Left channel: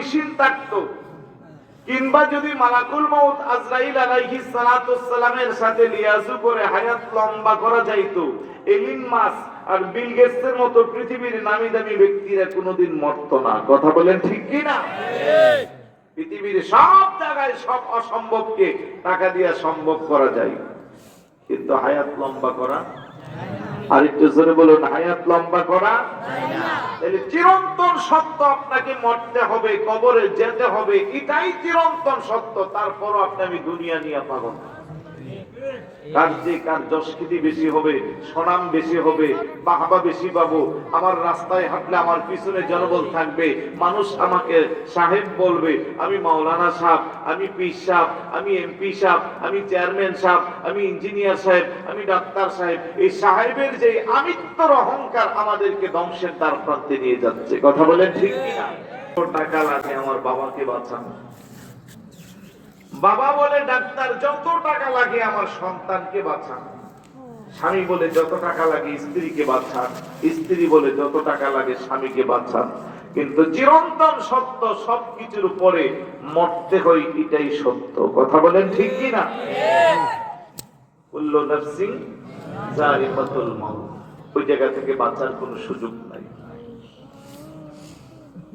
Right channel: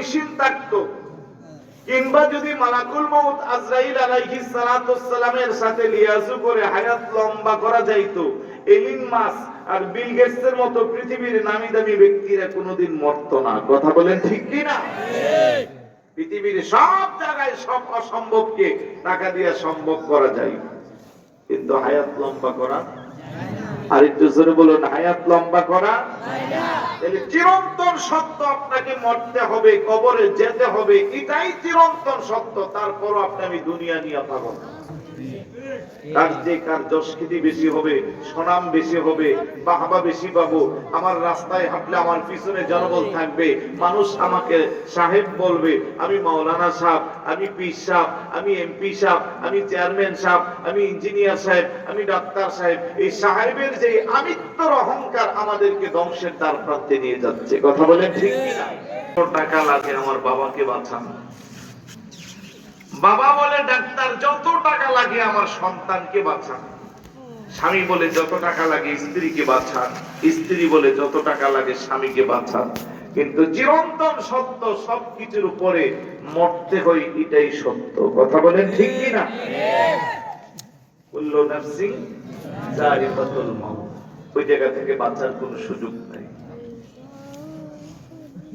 Machine থাকতো, কিংবা যদি মালাকুল মউত আজরাইল আলাইহিস সালাতুস সালামের সাথে লিয়াজু করে হায়াত লম্বা করা যাইতো, এলিন মাস আর বিল গেটসের মতো পৃথিবীর নামি দামি ব্যক্তিরা কোনোদিন মরতো না। কথা বলেন ঠিক কি না? পৃথিবীর সব জায়গায় সব অসম্ভবকে টাকা দিয়ে সম্ভব করা যায়, কিন্তু হায়াত লম্বা করা, আর একটু জোরে বলুন, হায়াত লম্বা করা যায় না। তাহলে চিরন্তন সত্য, আপনাকে মরতে হবে, কবরে যেতে হবে, এটাই চিরন্তন সত্য। তারপরও আপনি আমি দুনিয়া নিয়ে পাগল। কার যে কার যশকৃতি বেশি হবে, সুনাম বেশি হবে, বাহবা বেশি পাবো, আমার রাস্তায় হাঁটলে আমার পিছনে জনবল থাকবে, মানুষ আমাকে সাহেব বলবে, আমি মাওলানা সাহেব, আমি পীর সাহেব, আমি এমপি সাহেব, আমি চেয়ারম্যান সাহেব, আমি ইঞ্জিনিয়ার সাহেব, আমি ডাক্তার সাহেব। এই সাহেবের যে আমিত্বর অহংকার আমাদেরকে ধ্বংসের দ্বার প্রান্তে নিয়ে যাচ্ছে। কথা বলেন ঠিক কিনা? টাকা লাগে আমার বাবাকে বাঁচানো, বাবা বলে ডাক্তার যত টাকা লাগে আমার সন্তানকে বাঁচান, স্বামী বলে যত টাকা লাগে স্ত্রীকে বাঁচান, স্ত্রী বলে যত টাকা লাগে স্বামীকে বাঁচান। কিন্তু চিরন্তন সত্য, সবকিছুর উপরে মরতে হয়, এটাই সত্য। কথা বলেন ঠিক কি না? কুল্লু নাফসিন যায়িকাতুল মাউত, ওই জায়গা থেকে বাঁচার কোনো সুযোগ নাই।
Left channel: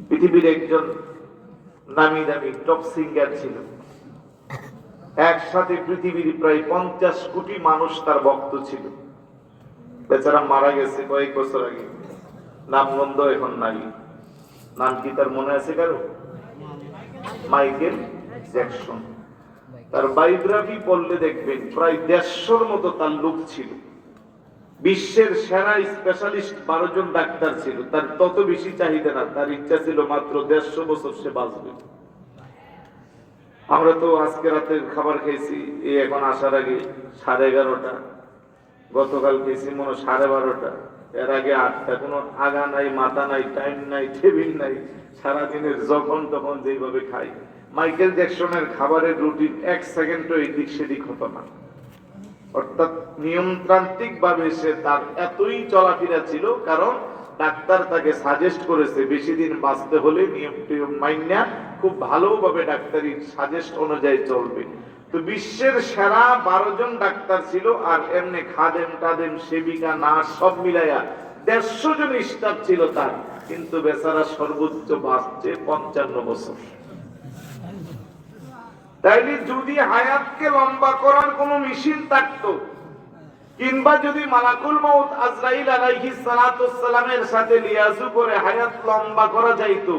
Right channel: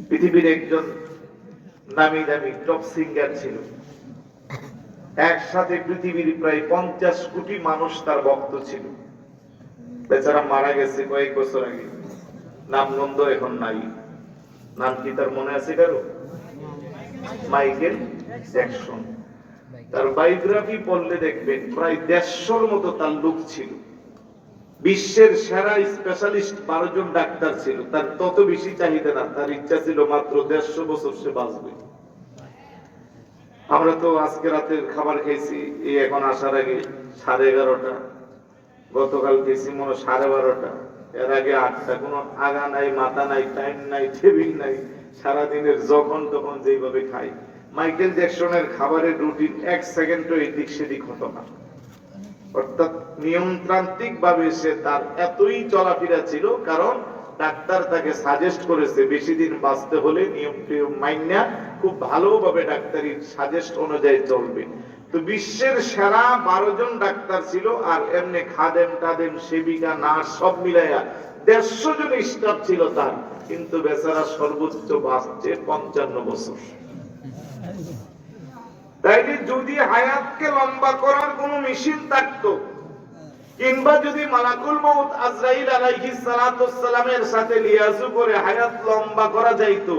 পৃথিবীর একজন নামি দামি টপ সিঙ্গার ছিল, একসাথে পৃথিবীর প্রায় 50 কোটি মানুষ তার ভক্ত ছিল। বেচারা মারা গেছে কয়েক বছর আগে, নামগন্ধ এখন নাই। নাম কি তার মনে আছে কারো? Michael Jackson. তার বায়োগ্রাফি পড়লে দেখবেন প্রায় 150-র মতো তার লোক ছিল। বিশ্বের সেরা স্পেশালিস্ট 12 জন ডাক্তার ছিল। তার তত বেশি চাহিদা না, তার ইচ্ছা ছিল মাত্র 150 বছর সে বাঁচবে। আমরা তো আজকে রাতের খাবার খেয়েছি এই এখন আসার আগে 11:30, গতকাল খেয়েছি মনে 12:30, এর আগে 8টা। কোনো আগা নাই, মাথা নাই, টাইম নাই, টেবিল নাই, সারাদিনের যখন তখন যেভাবে খাই। মাইকেল জ্যাকসনের খাবারের রুটিন 1 সেকেন্ডও এদিক সেদিক হতো না, অর্থাৎ নিয়মতান্ত্রিক ভাবে সে তার এতই চলাফেরা ছিল, কারণ ডাক্তার তাকে সাজেস্ট করেছে বেশি দিন বাঁচতে হলে নিয়ম টিয়ম মাইনা খুব ভালোভাবে ডাক্তারি সাজেস্ট অনুযায়ী চলবে। তো বিশ্বের সেরা 12 জন ডাক্তার ছিল, আর এমনি খাদেম টাদেম সেবিকা নার্স সব মিলাইয়া 150 জন স্টাফ ছিল তার। কিন্তু বেচারা সর্বোচ্চ বাঁচছে 55 বছর। তাইলে যদি হায়াতকে লম্বা করার কোন মেশিন থাকতো, কিংবা যদি মালাকুল মউত আজরাইল আলাইহিস সালাতুস সালামের সাথে লিয়াজু করে হায়াত লম্বা করা যাইতো,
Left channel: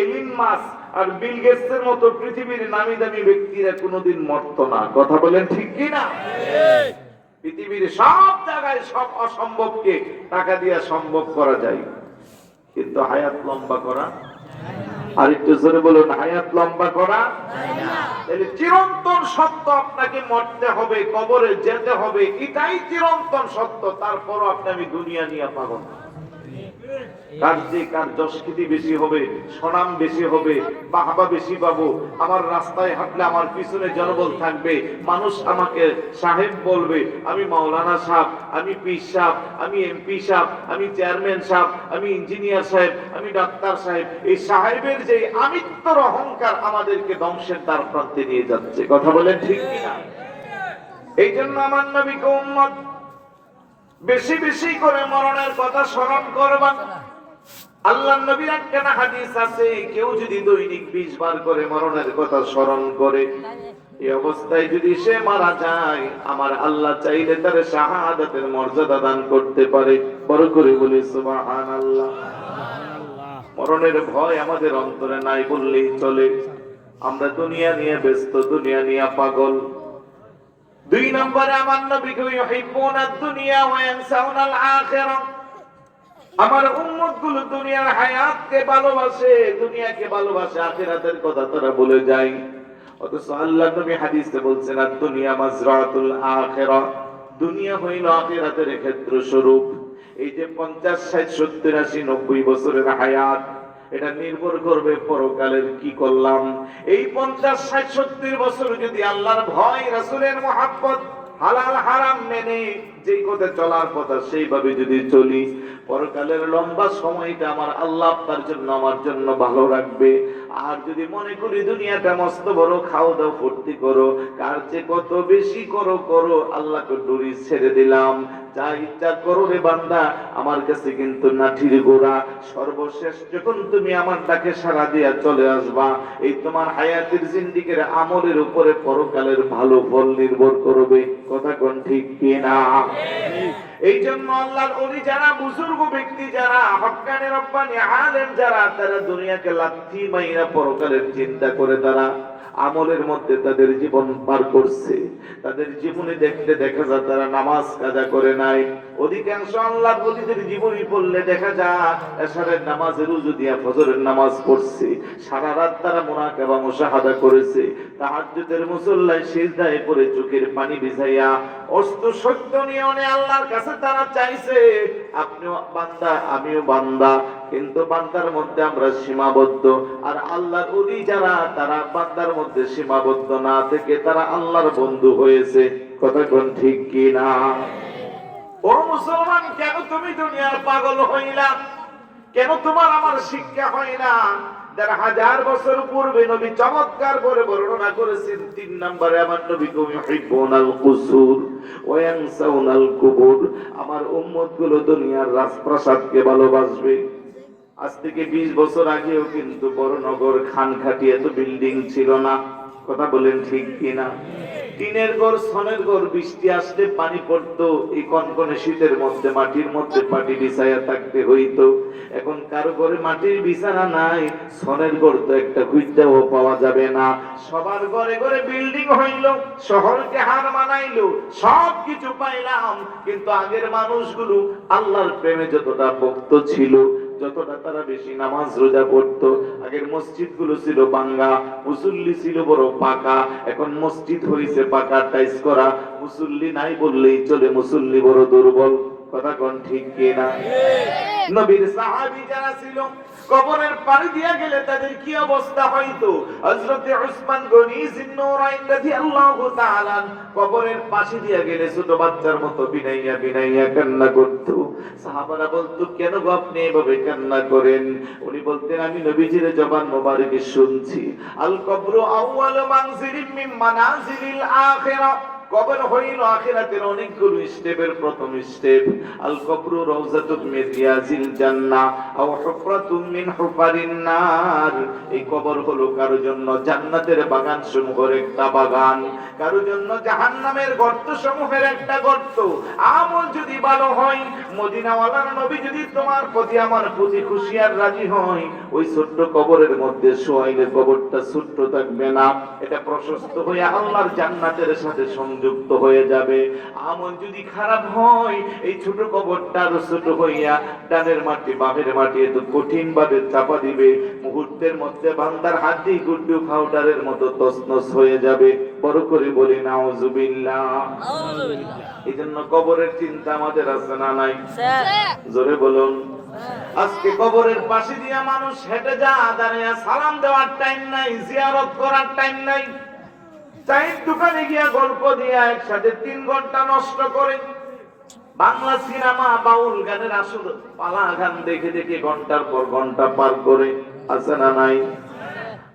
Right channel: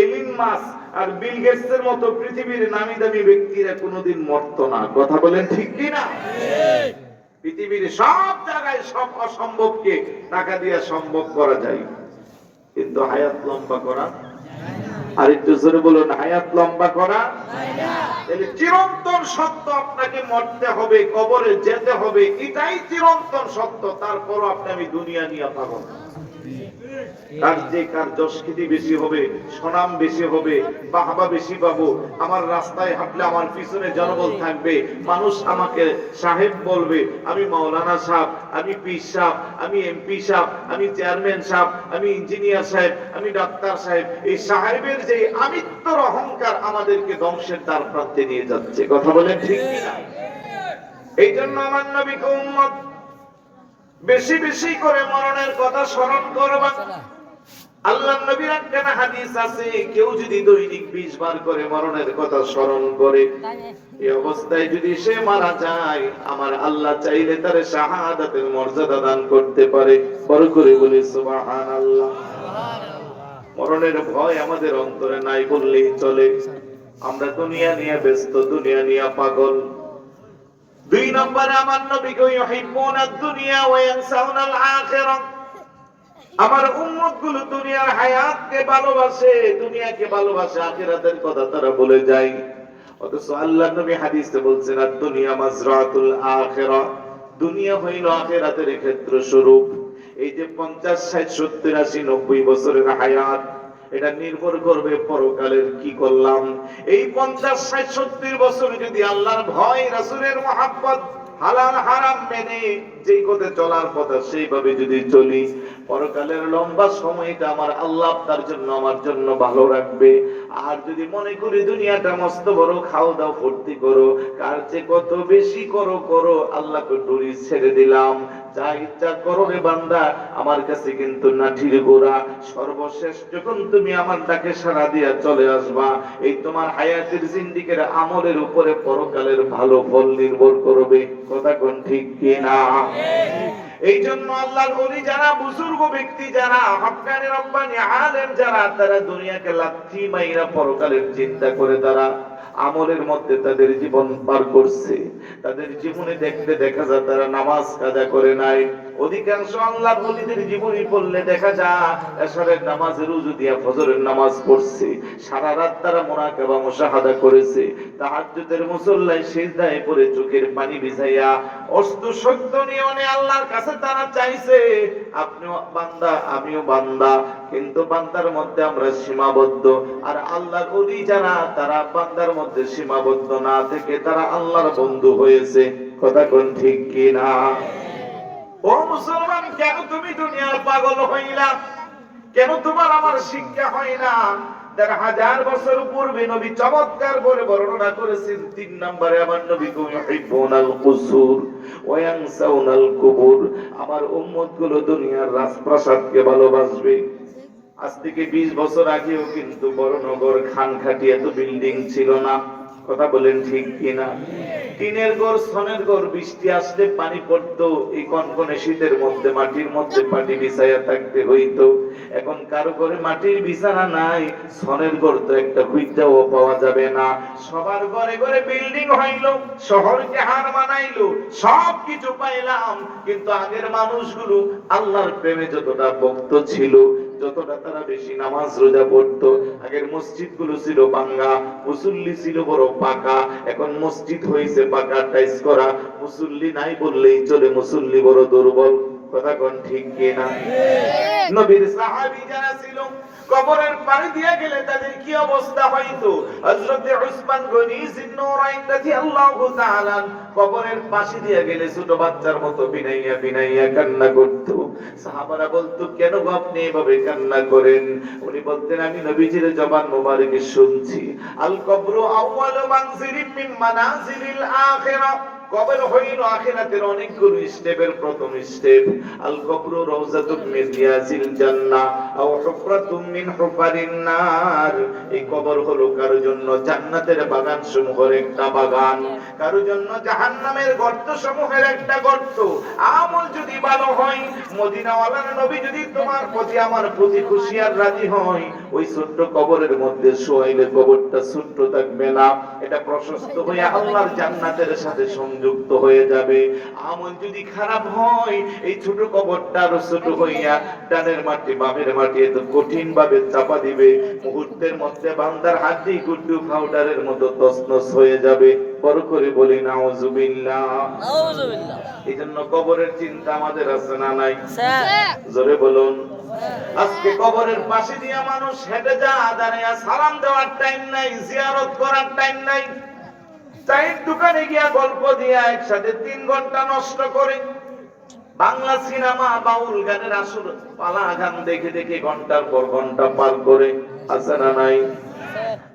এলিন মাস আর বিল গেটসের মতো পৃথিবীর নামি দামি ব্যক্তিরা কোনোদিন মরতো না। কথা বলেন ঠিক কি না? পৃথিবীর সব জায়গায় সব অসম্ভবকে টাকা দিয়ে সম্ভব করা যায়, কিন্তু হায়াত লম্বা করা, আর একটু জোরে বলুন, হায়াত লম্বা করা যায় না। তাহলে চিরন্তন সত্য, আপনাকে মরতে হবে, কবরে যেতে হবে, এটাই চিরন্তন সত্য। তারপরও আপনি আমি দুনিয়া নিয়ে পাগল। কার যে কার যশকৃতি বেশি হবে, সুনাম বেশি হবে, বাহবা বেশি পাবো, আমার রাস্তায় হাঁটলে আমার পিছনে জনবল থাকবে, মানুষ আমাকে সাহেব বলবে, আমি মাওলানা সাহেব, আমি পীর সাহেব, আমি এমপি সাহেব, আমি চেয়ারম্যান সাহেব, আমি ইঞ্জিনিয়ার সাহেব, আমি ডাক্তার সাহেব। এই সাহেবের যে আমিত্বর অহংকার আমাদেরকে ধ্বংসের দ্বার প্রান্তে নিয়ে যাচ্ছে। কথা বলেন ঠিক কিনা? এই জন্য আমার নবীকে উম্মত বেশি বেশি করে মরণের কথা স্মরণ করবা। আল্লাহর নবীর একটা হাদিস আছে, কেউ যদি দৈনিক 20 বার করে মরণের কথা স্মরণ করে, এই অবস্থায় যদি সে মারা যায়, আমার আল্লাহ চাইলে তার শাহাদাতের মর্যাদা দান করতে পারে। বড় করে বলি সুবহানাল্লাহ। মরণের ভয় আমাদের অন্তরে নাই বললেই চলে। আমরা দুনিয়া নিয়ে ব্যস্ত, দুনিয়া নিয়ে পাগল। 2 নম্বরে আমার নবীকে ইউহিব্বুনাদ দুনিয়া ওয়া ইয়ানসাউনাল আখিরাহ। আমার উম্মতগুলো দুনিয়ার হায়াতকে ভালোবাসে, দুনিয়াকে ভালোবাসে, আখিরাতের কথা তারা ভুলে যায়। অথচ আল্লাহর নবী হাদিসে বলছেন, দুনিয়া মাজরাতুল আখিরাহ, দুনিয়া হইল আখিরাতের ক্ষেত্র স্বরূপ। এই যে 50, 60, 70, 80, 90 বছরের হায়াত, এটা নির্ভর করবে পরকালের কি করলাম। এই 50, 60, 70 বছর যদি আল্লাহর ভয়, রাসূলের মহব্বত, হালাল হারাম মেনে যেই পথে চলার কথা সেইভাবে যদি চলি, পরকালের লম্বা সময়টা আমার আল্লাহ তার জন্য আমার জন্য ভালো রাখবে। আর যদি মনে করি দুনিয়াটা মস্ত বড়, খাও দাও ফুর্তি করো, কার চেয়ে কত বেশি করো করো, আল্লাহকে ডুরি ছেড়ে দিলাম, যা ইচ্ছা করো রে বান্দা, আমার কাছে কিন্তু নাঠির গোড়া। সর্বশেষ যখন তুমি আমার ডাকে সাড়া দিয়া চলে আসবা, এই তোমার হায়াতের জিন্দিগির আমলের উপরে পরকালের ভালো ফল নির্ভর করবে। কথা কোন ঠিক কিনা? এই জন্য আল্লাহর ওলি যারা, বুজুর্গ ব্যক্তি যারা, হক্কানি রব্বানি আলেম যারা, তারা দুনিয়াকে লাথি মাইরা পরকালের চিন্তা করে তারা আমলের মধ্যে তাদের জীবন পার করছে। তাদের জীবনে দেখতে দেখা যায় তারা নামাজ কাজা করে নাই। অধিকাংশ আল্লাহর ওলিদের জীবনী পড়লে দেখা যায় এশারের নামাজের রুজু দিয়া ফজরের নামাজ পড়ছে, সারা রাত তারা মুনাকাবা মুশাহাদা করেছে, তাহাজ্জুদের মুসল্লায় সিজদায় পড়ে চোখের পানি ভিজাইয়া অস্ত সত্য নিয়নে আল্লাহর কাছে তারা চাইছে। আপনিও বান্দা আমিও বান্দা, কিন্তু বান্দার মধ্যে আমরা সীমাবদ্ধ। আর আল্লাহর ওলি যারা, তারা বান্দার মধ্যে সীমাবদ্ধ না থেকে তারা আল্লাহর বন্ধু হয়েছে। কথা কোন ঠিক কিনা? ও মুসলমান, কেন তুমি দুনিয়ার পাগল হইলা? কেন তোমার আমার শিক্ষা হয় না? ১৫০০ বছর পূর্বে নবী চমৎকার করে বর্ণনা করেছেন। ৩ নম্বরে আমার নবী, তুমি ইউহিব্বুনাল কুসুর ওয়া ইয়ানসাউনাল কুবুর, আমার উম্মতগুলো দুনিয়ার রাজপ্রাসাদকে ভালোবাসবে। আজ থেকে ২০ বছর আগেও কিন্তু বড়নগর খানখাটি এত বিল্ডিং ছিল না। কথা বলেন ঠিক কিনা? টিনের ঘর, ছনের ঘর, বৃষ্টি আসলে পানি পড়তো, এই কনকনে শীতের মধ্যে মাটির মধ্যে পাটি বিছাইয়া থাকতে হইতো। এখন কারো ঘরে মাটির বিছানা নাই, ছনের ঘর তো একটা খুঁজতেও পাওয়া যাবে না। সবার ঘরে ঘরে বিল্ডিং হইলো, শহরকে হার মানাইলো, সবকিছু পাইলাম, কিন্তু আগের মানুষগুলো আল্লাহর প্রেমে যতটা ভক্ত ছিল, যতটা তারা বেশি নামাজ রোজা পড়তো, আগের মসজিদ গুলো ছিল ভাঙ্গা, মুসল্লি ছিল বড় পাকা। এখন মসজিদ হয়েছে পাকা টাইস করা, মুসল্লি নাই বললেই চলে, মুসল্লি বড় দুর্বল। কথা কোন ঠিক কিনা? নবীর সাহাবী যারা ছিল, কবরের পাড়ি দিয়ে গেলে তাদের কি অবস্থা হইতো? হযরত উসমান গনি জিন্নুরাইন রাদিয়াল্লাহু তাআলা কবরের পাশে দিয়ে গেলে ছোট বাচ্চার মতো বিনাইয়া বিনাইয়া কান্না করতো। সাহাবারা বলতো, কেন গো আপনি এভাবে কান্না করেন? উনি বলতেন, আমি নবীজির জবান মোবারকে শুনছি, আল কবরু আউয়ালু মানজিলিন মিন মানাজিলিল আখিরাহ, কবর হইল আখিরাতের অনেকগুলো স্টেপের প্রথম স্টেপ। আল কবরু রাউযাতুম মিন রিয়াজিল জান্নাহ আও হুফরাতুম মিন হুফারিন নার, এই কবর হলো কারো জন্য জান্নাতের বাগান সমূহের একটা বাগান, কারো জন্য জাহান্নামের গর্ত সমূহের একটা গর্ত। আমল যদি ভালো হয়, মদিনাওয়ালার নবী যদি তোমার প্রতি আমার প্রতি খুশি আর রাজি হয়, ওই ছোট্ট কবরের মধ্যে শোয়াইলে কবরটা ছোট্ট থাকবে না, এটা প্রশস্ত হয়ে আল্লাহর জান্নাতের সাথে যুক্ত হয়ে যাবে। আমল যদি খারাপ হয়, এই ছোট কবরটা আরো ছোট হইয়া ডানের মাটি বামের মাটি এত কঠিন ভাবে চাপা দিবে, মুহূর্তের মধ্যে বান্দার হাড্ডি গুড্ডু পাউডারের মতো তছনছ হয়ে যাবে। বড় করে বলি নাউজুবিল্লাহ। এই জন্য কবরের চিন্তা আমাদের আছে না নাই? জোরে বলুন। আজকে কবরের পাশে দিয়ে মানুষ হেঁটে যা, দাঁড়িয়ে সালাম দেওয়ার টাইম নাই, জিয়ারত করার টাইম নাই, চায়ের দোকানে গিয়া গল্প দিয়া একসাথে ৩ ঘন্টা নষ্ট করে। বাংলা সিনেমা, বাউল গানের আসর, পালা গান দেখে দেখে ঘন্টার পর ঘন্টা পার করে। আছে না নাই?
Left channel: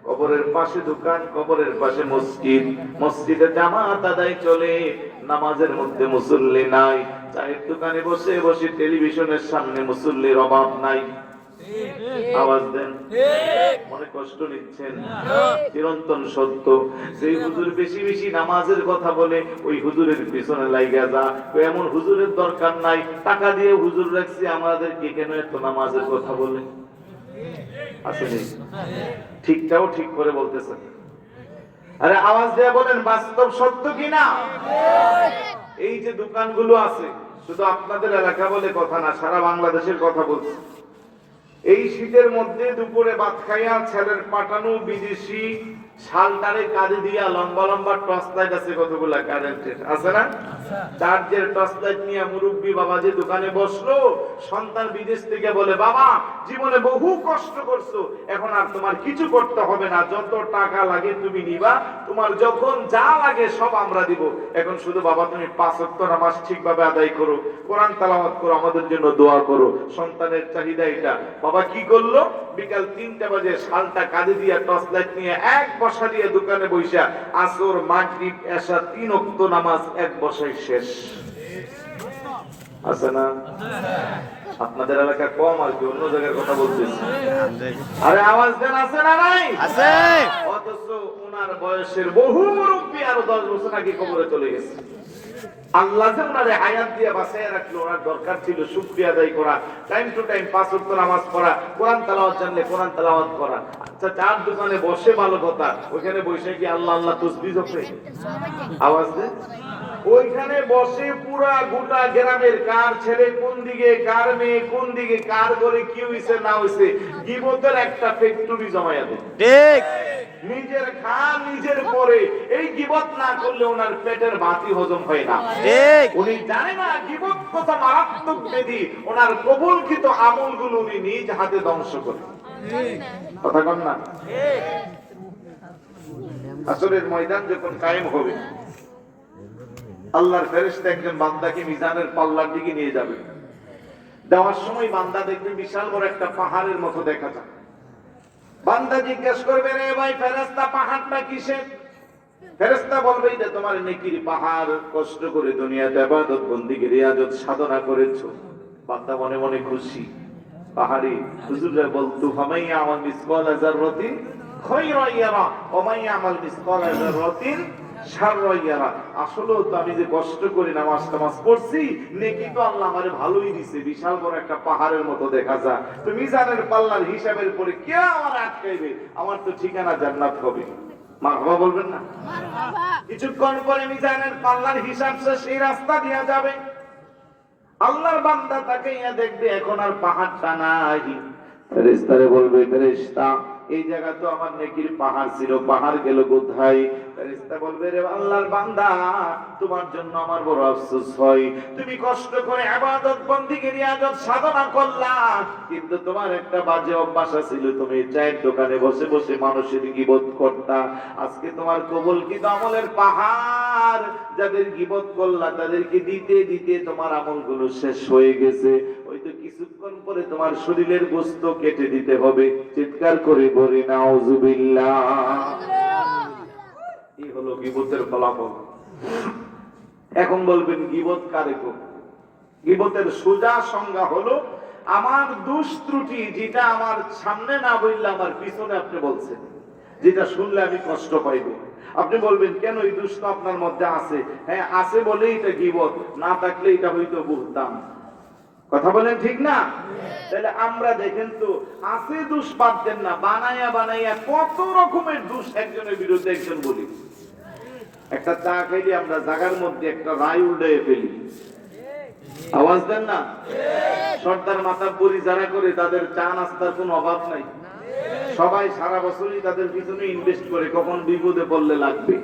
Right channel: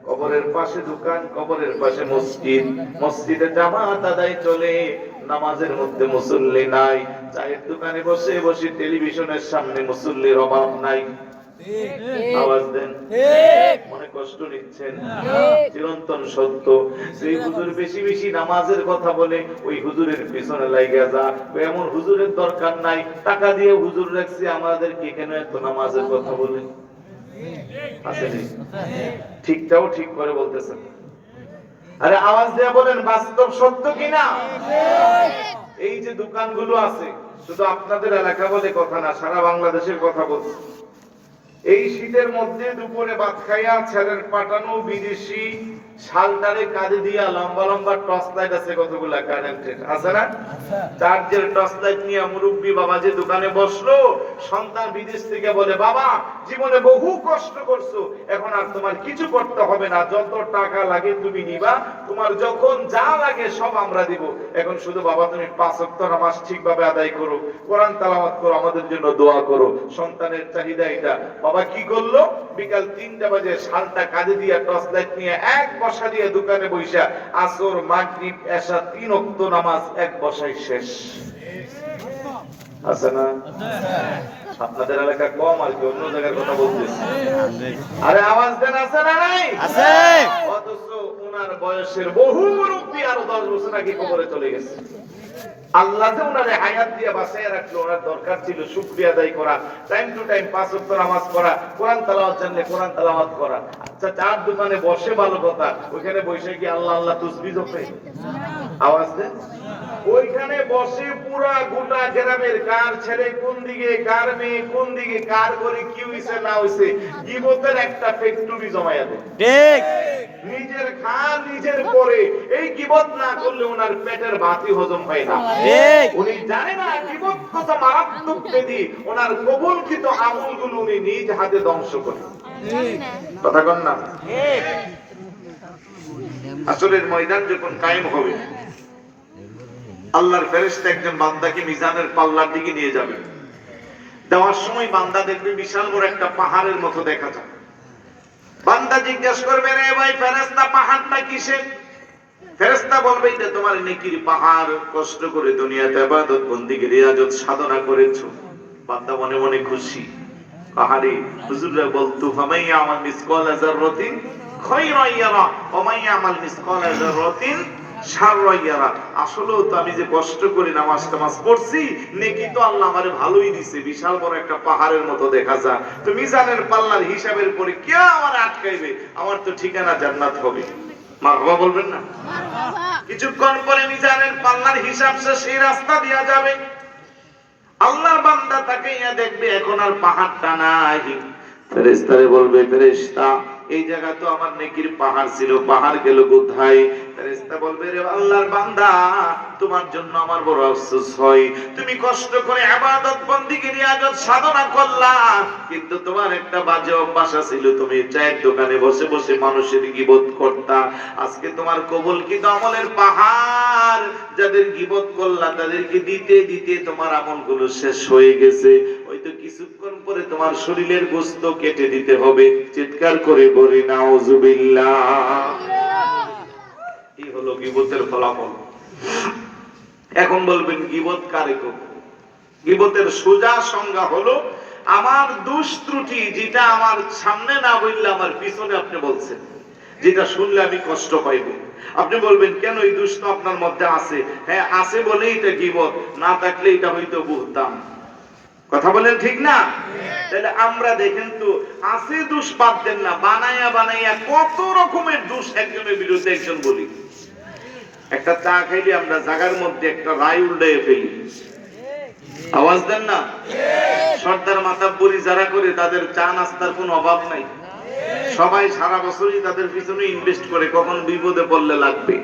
কবরের পাশে দোকান, কবরের পাশে মসজিদ, মসজিদে জামাত আদায় চলে, নামাজের মধ্যে মুসল্লি নাই। চায়ের দোকানে বসে বসে টেলিভিশনের সামনে মুসল্লির অভাব নাই। আওয়াজ দেন, মনে কষ্ট নিচ্ছেন? চিরন্তন সত্য। সেই হুজুর বেশি বেশি নামাজের কথা বলে, ওই হুজুরের পিছনে লাগিয়া যা। এমন হুজুরের দরকার নাই, টাকা দিয়ে হুজুর রাখছে, আমাদের কি কেন এত নামাজের কথা বলে? আসলে ঠিকটাও ঠিক করে বলতেছেন। আরে আওয়াজ দিয়ে বলেন, বাস্তব সত্য কিনা? এই যে দোকানগুলো আছে, শুধু আপনাদের এলাকা বলে কথা না, সারা বাংলাদেশের কথা বলছে। এই শীতের মধ্যে দুপুরে ভাত খাইয়া ছেলের পাঠানো বিদেশি শালটারে কাঁধে দিয়া লম্বা লম্বা টর্চ লাইট আছে, কতগুলা কারেন্টের আছে না, চার্জের টর্চ লাইট নিয়ে মুরব্বী বাবা যে দোকানে বসলো, সন্তান বিদেশ থেকে বলে, বাবা জীবনে বহু কষ্ট করছো, এখন আর তোমার কিছু করতে হবে না, যত টাকা লাগে তুমি নিবা, তোমার যখন যা লাগে সব আমরা দিব, এখন শুধু বাবা তুমি 5 ওয়াক্ত নামাজ ঠিকভাবে আদায় করো, কোরআন তেলাওয়াত করো, আমাদের জন্য দোয়া করো। সন্তানের চাহিদা এটা। বাবা বাবা কি করলো, বিকাল 3টা বাজে শালটা কাঁধে দিয়ে টর্চ লাইট নিয়ে এক বসা দিয়ে দোকানে বইসা আসর মাগরিব এশা 3 ওয়াক্ত নামাজ এক বসায় শেষ। আছে না? আপনাদের এলাকা কম আর কি, অন্য জায়গার কথা বলতেছি। আরে আওয়াজ দেন, আছে না নাই? আছে। অথচ ওনার বয়সের বহু মুরব্বী আরো 10 বছর আগে কবরে চলে গেছে। আল্লাহ যে ওনারে হায়াত দিয়ে বাঁচিয়ে রাখলো, ওনার দরকার ছিল শুকরিয়া আদায় করা, টাইম টু টাইম 5 ওয়াক্ত নামাজ পড়া, কোরআন তেলাওয়াত জানলে কোরআন তেলাওয়াত করা। আচ্ছা, চার দোকানে বসে ভালো কথা, ওখানে বসে কি আল্লাহ আল্লাহ তাসবিহ জপে? আওয়াজ দেন। ওইখানে বসে পুরা গোটা গ্রামের কার ছেলে কোন দিকে, কার মেয়ে কোন দিকে, কার করে কি হইছে না হইছে, গীবতের একটা ফ্যাক্টরি জমায়া দেয়। ঠিক। নিজের খান নিজের পরে, এই গীবত না করলে ওনার পেটের ভাতই হজম হয় না। ঠিক। উনি জানে না গীবত কত মারাত্মক ব্যাধি, ওনার কবুলকৃত আমলগুলো উনি নিজ হাতে ধ্বংস করে। কথা কন না? ঠিক। আসলে ময়দান যখন কায়েম হবে, আল্লাহর ফেরেশতা একজন বান্দাকে মিজানের পাল্লার দিকে নিয়ে যাবে। দেওয়ার সময় বান্দা দেখবে বিশাল বড় একটা পাহাড়ের মতো দেখা যায়। বান্দা জিজ্ঞেস করবে, রে ভাই ফেরেশতা, পাহাড়টা কিসের? ফেরেশতা বলবে, এটা তোমার নেকির পাহাড়, কষ্ট করে দুনিয়াতে ইবাদত বন্দেগী রিয়াজত সাধনা করেছো। বান্দা মনে মনে খুশি। পাহাড়ে হুজুররা বলতো, ফামাইয়া আমাল মিসকাল যাররাতিন খায়রান ইয়ারা ওয়া মাইয়া আমাল মিসকাল যাররাতিন শাররান ইয়ারা। আসলেও তো আমি যে কষ্ট করে নামাজ পড়ছি, নেকি তো আল্লাহ আমারে ভালোই দিয়েছে, বিশাল বড় একটা পাহাড়ের মতো দেখা যায়। তো মিজানের পাল্লার হিসাবের পরে কে আমারে আটকাইবে? আমার তো ঠিকানা জান্নাত হবে। মারহাবা বলবেন না? মারহাবা। কিছুক্ষণ পরে মিজানের পাল্লার হিসাব শেষ, সেই রাস্তা দিয়া যাবে। আল্লাহর বান্দা তাকাইয়া দেখবে এখন আর পাহাড়টা নাই। ফেরেশতারে বলবে, ফেরেশতা, এই জায়গা তো আমার নেকির পাহাড় ছিল, পাহাড় গেল কোথায়? ফেরেশতা বলবে, রে আল্লাহর বান্দা, তোমার জন্য আমার বড় আফসোস হয়। তুমি কষ্ট করে ইবাদত বন্দেগী রিয়াজত সাধনা করলা, কিন্তু তোমার একটা বাজে অভ্যাস ছিল, তুমি চায়ের দোকানে বসে বসে মানুষের গীবত করতা। আজকে তোমার কবুলকৃত আমলের পাহাড়, যাদের গীবত করলা তাদেরকে দিতে দিতে তোমার আমলগুলো শেষ হয়ে গেছে। হয়তো কিছুক্ষণ পরে তোমার শরীরের গোশত কেটে দিতে হবে। চিৎকার করে বলি নাউজুবিল্লাহ। এই হলো গীবতের ফলাফল। এখন বলবেন গীবত কারে করব? গীবতের সোজা সংজ্ঞা হলো, আমার দোষ ত্রুটি যেটা আমার সামনে না বললে আমার পিছনে আপনি বলছেন, যেটা শুনলে আমি কষ্ট পাইব। আপনি বলবেন, কেন? এই দোষ তো আপনার মধ্যে আছে। হ্যাঁ, আছে বলেই এটা গীবত, না থাকলে এটা হইতো বুঝতাম। কথা বলেন ঠিক না? তাহলে আমরা দেখেন তো, আছে দোষ বাদ দেন না, বানাইয়া বানাইয়া কত রকমের দোষ একজনের বিরুদ্ধে একজন বলি। একটা চা খাইলে আমরা জায়গার মধ্যে একটা রায় উল্টাইয়ে ফেলি। আওয়াজ দেন না? সর্দার মাতাব্বরি যারা করে, তাদের চা নাস্তার কোনো অভাব নাই। সবাই সারা বছরই তাদের পিছনে ইনভেস্ট করে, কখন বিপদে পড়লে লাগবে।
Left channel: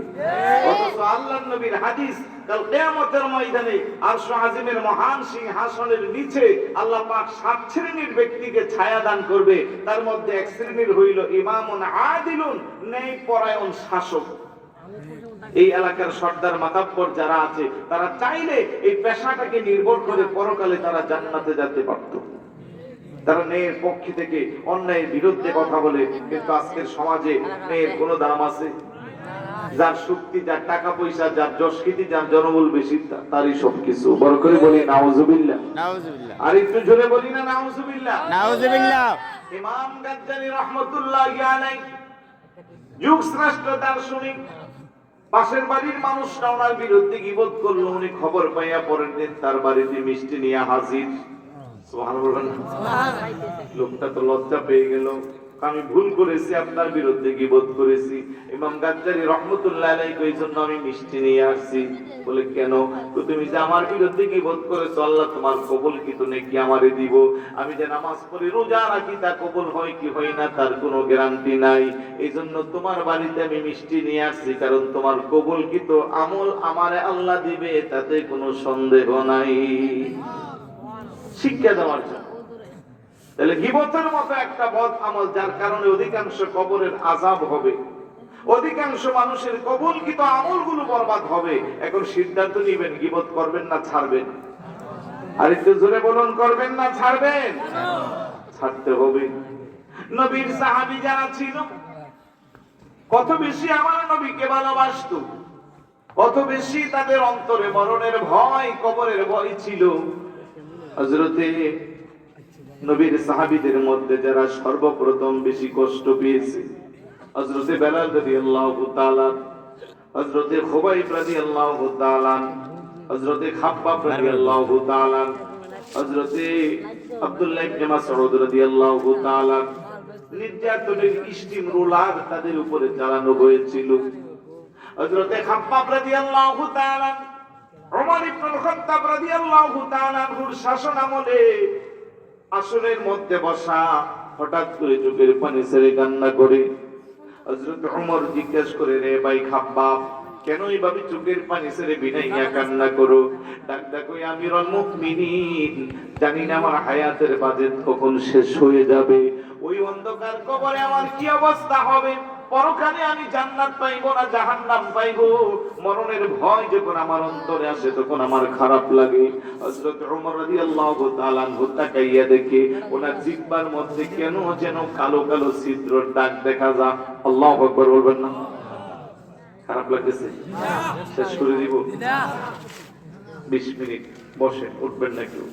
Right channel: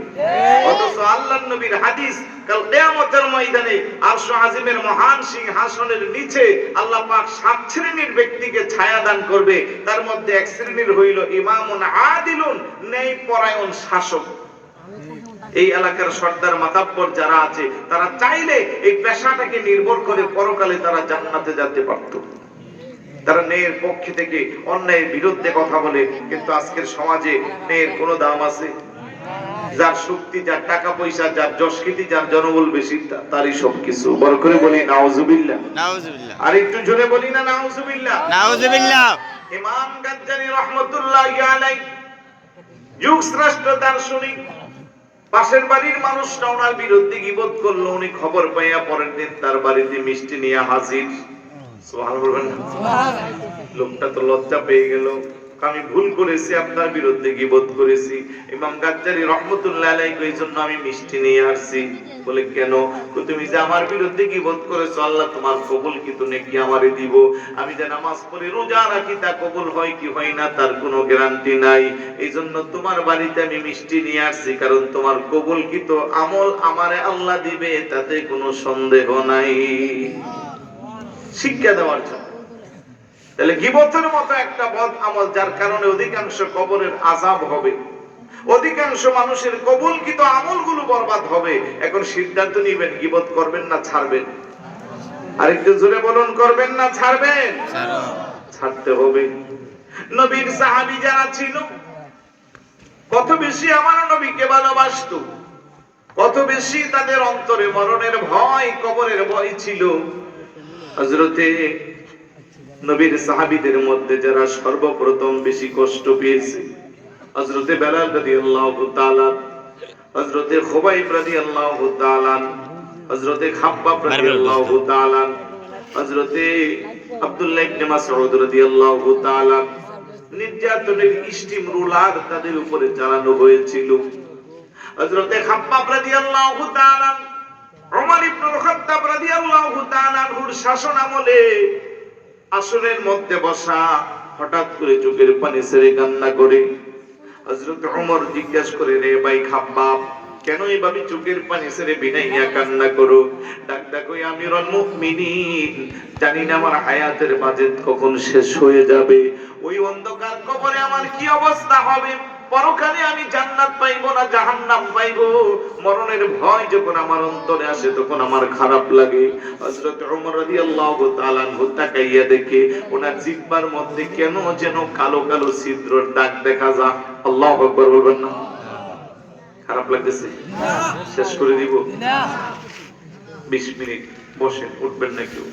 অথচ আল্লাহর নবীর হাদিস, কাল কিয়ামতের ময়দানে আরশ আজিমের মহান সিংহাসনের নিচে আল্লাহ পাক 7 শ্রেণীর ব্যক্তিকে ছায়া দান করবে। তার মধ্যে এক শ্রেণীর হইল ইমামুন আদিলুন, ন্যায়পরায়ণ শাসক। এই এলাকার সর্দার মাতাব্বর যারা আছে, তারা চাইলে এই পেশাটাকে নির্ভর করে পরকালে তারা জান্নাতে যেতে পারত। তারা ন্যায়ের পক্ষে থেকে অন্যায়ের বিরুদ্ধে কথা বলে। কিন্তু আজকের সমাজে ন্যায়ের কোনো দাম আছে? যার শক্তি, যার টাকা পয়সা, যার যশকৃতি, যার জনবল বেশি, তারই সবকিছু। বড় করে বলি নাউজুবিল্লাহ। নাউজুবিল্লাহ। আর একটু জোরে বলি না নাউজুবিল্লাহ। নাউজুবিল্লাহ। ইমাম গাজ্জালী রাহমাতুল্লাহি আলাইহি, যুগ শ্রেষ্ঠ দার্শনিক, পাশের বাড়ির মানুষটা ওনার বিরুদ্ধে গীবত করলো। উনি খবর পাইয়া পরের দিন তার বাড়িতে মিষ্টি নিয়ে হাজির। লোকটা তো লজ্জা পেয়ে গেল, আমি ভুল করেছি, আপনার বিরুদ্ধে গীবত করেছি। ইমাম গাজ্জালী রাহমাতুল্লাহ আলাইহি এই জন্য আমি মিষ্টি নিয়ে আসছি। বলে, কেন? তুমি যে আমার বিরুদ্ধে গীবত করেছো, আল্লাহ তোমার কবুল কিন্তু নেকি আমারে দিব। আমি যে নামাজ পড়ি, রোজা রাখি, তা কবুল হয় কি হয় না তার কোনো গ্যারান্টি নাই। এই জন্য তোমার বাড়িতে আমি মিষ্টি নিয়ে আসছি, কারণ তোমার কবুল কিন্তু আমল আমারে আল্লাহ দিবে, তাতে কোনো সন্দেহ নাই। শিক্ষা দেওয়ার জন্য। তাহলে গীবতের মতো একটা বদ আমল, যার কারণে অধিকাংশ কবরের আযাব হবে, অধিকাংশ মানুষের কবুলকৃত আমলগুলো বরবাদ হবে। এখন সিদ্ধান্ত নেবেন, গীবত করবেন না ছাড়বেন? আরেকটু জোরে বলুন, করবেন না ছাড়বেন? ছাড়তে হবে। নবীর সাহাবী যারা ছিল কত বেশি আমার নবীকে ভালোবাসতো, কত বেশি তাদের অন্তরে মরণের ভয়, কবরের ভয় ছিল। হযরতে নবীর সাহাবীদের মধ্যে যারা সর্বপ্রথম বেশি কষ্ট পেয়েছে, হযরতে বেলাল রাদিয়াল্লাহু তাআলা, হযরতে খুবাইব রাদিয়াল্লাহু তাআলা, হযরতে খাব্বাব রাদিয়াল্লাহু তাআলা, হযরতে আব্দুল্লাহ ইবনে মাসউদ রাদিয়াল্লাহু তাআলা। নির্যাতনের স্টিম রোলার তাদের উপরে চালানো হয়েছিল। হযরতে খাব্বাব রাদিয়াল্লাহু তাআলা, ওমর ইবনুল খাত্তাব রাদিয়াল্লাহু তাআলা এর শাসন আমলে আসনের মধ্যে বসা, হঠাৎ করে চোখের পানি ছেড়ে কান্না করে। হযরত ওমর জিজ্ঞাসা করে, রে ভাই খাব্বাব, কেন এইভাবে চোখের পানি ছেড়ে বিনাইয়া কান্না করো? ডাক ডাকো, আমিরুল মুমিনিন, জানি না আমার হায়াতের বাজেট কখন শেষ হয়ে যাবে, ওই অন্ধকার কবরে আমার কি অবস্থা হবে, পরকালে আমি জান্নাত পাইবো না জাহান্নাম পাইবো, মরণের ভয় যখন আমার অন্তরে আসে তখন আমার খারাপ লাগে। হযরত ওমর রাদিয়াল্লাহু তাআলা তাকাইয়া দেখে ওনার জিহ্বার মধ্যে কেন যেন কালো কালো ছিদ্রের দাগ দেখা যায়। আল্লাহু আকবার বলবেন না? খারাপ লাগতেছে? শেষ করে দিব? 20 মিনিট বসেন, উঠবেন না কেউ।